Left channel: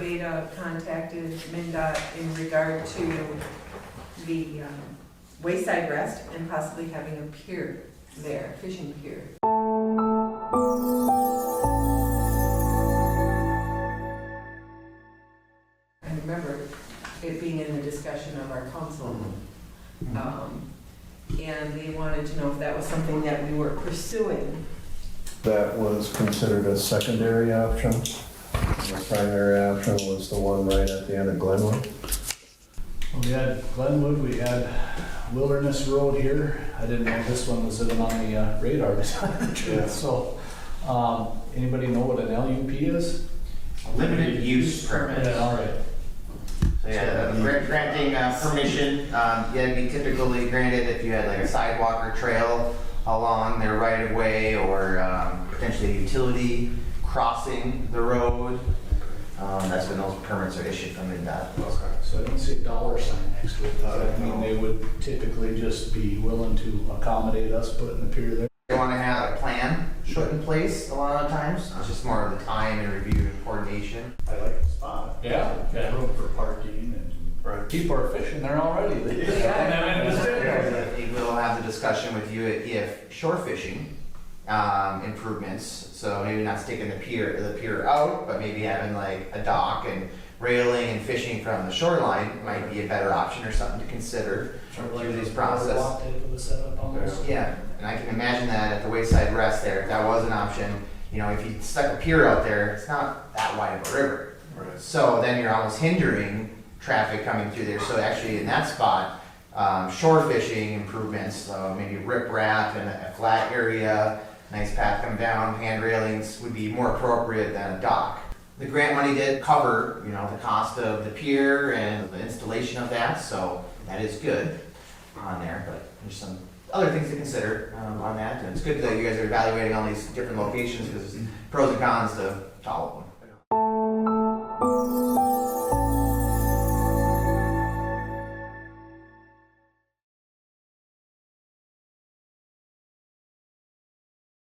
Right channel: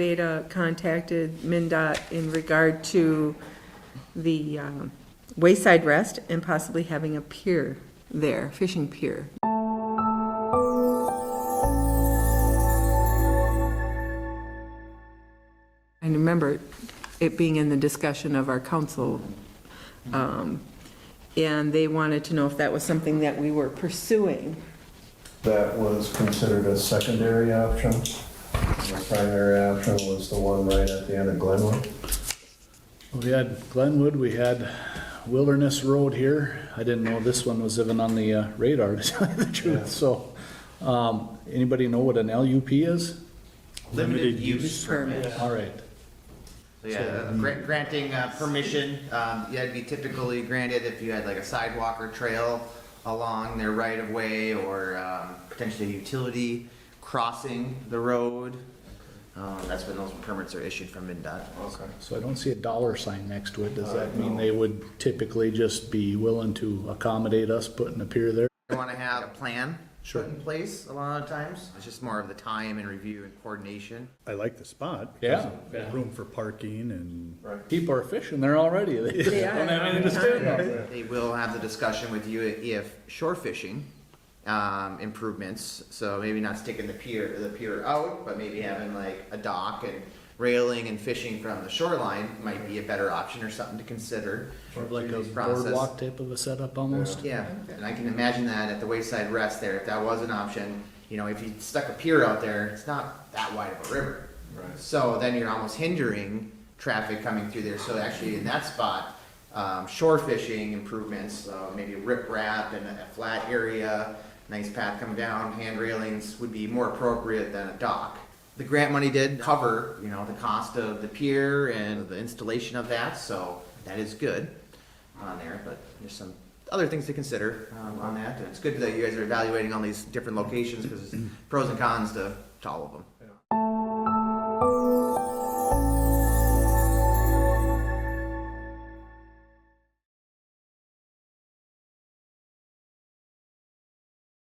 Beta contacted MnDOT in regard to the wayside rest and possibly having a pier there, fishing pier. And remember it being in the discussion of our council, and they wanted to know if that was something that we were pursuing. That was considered a secondary option. The primary option was the one right at the end of Glenwood. We had Glenwood, we had Wilderness Road here. I didn't know this one was even on the radar, to tell you the truth. So, anybody know what an LUP is? Limited use permit. All right. So yeah, granting permission, yeah, be typically granted if you had like a sidewalk or trail along their right of way, or potentially utility crossing the road. That's when those permits are issued from MnDOT. So I don't see a dollar sign next to it. Does that mean they would typically just be willing to accommodate us putting a pier there? They want to have a plan put in place a lot of times. It's just more of the time and review and coordination. I like the spot. Yeah. Got room for parking and. People are fishing there already. They don't have anything to do. They will have the discussion with you if shore fishing improvements. So maybe not taking the pier out, but maybe having like a dock and railing and fishing from the shoreline might be a better option or something to consider. Like through a this process. boardwalk type of a setup almost. Yeah, and I can imagine that at the wayside rest there, if that was an option, you know, if you stuck a pier out there, it's not that wide of a river. Right. So then you're almost hindering traffic coming through there. So actually in that spot, shore fishing improvements, so maybe riprap and a flat area, nice path coming down, hand railings would be more appropriate than a dock. The grant money did cover, you know, the cost of the pier and the installation of that, so that is good on there, but there's some other things to consider on that. And it's good that you guys are evaluating all these different locations because pros and cons to all of them.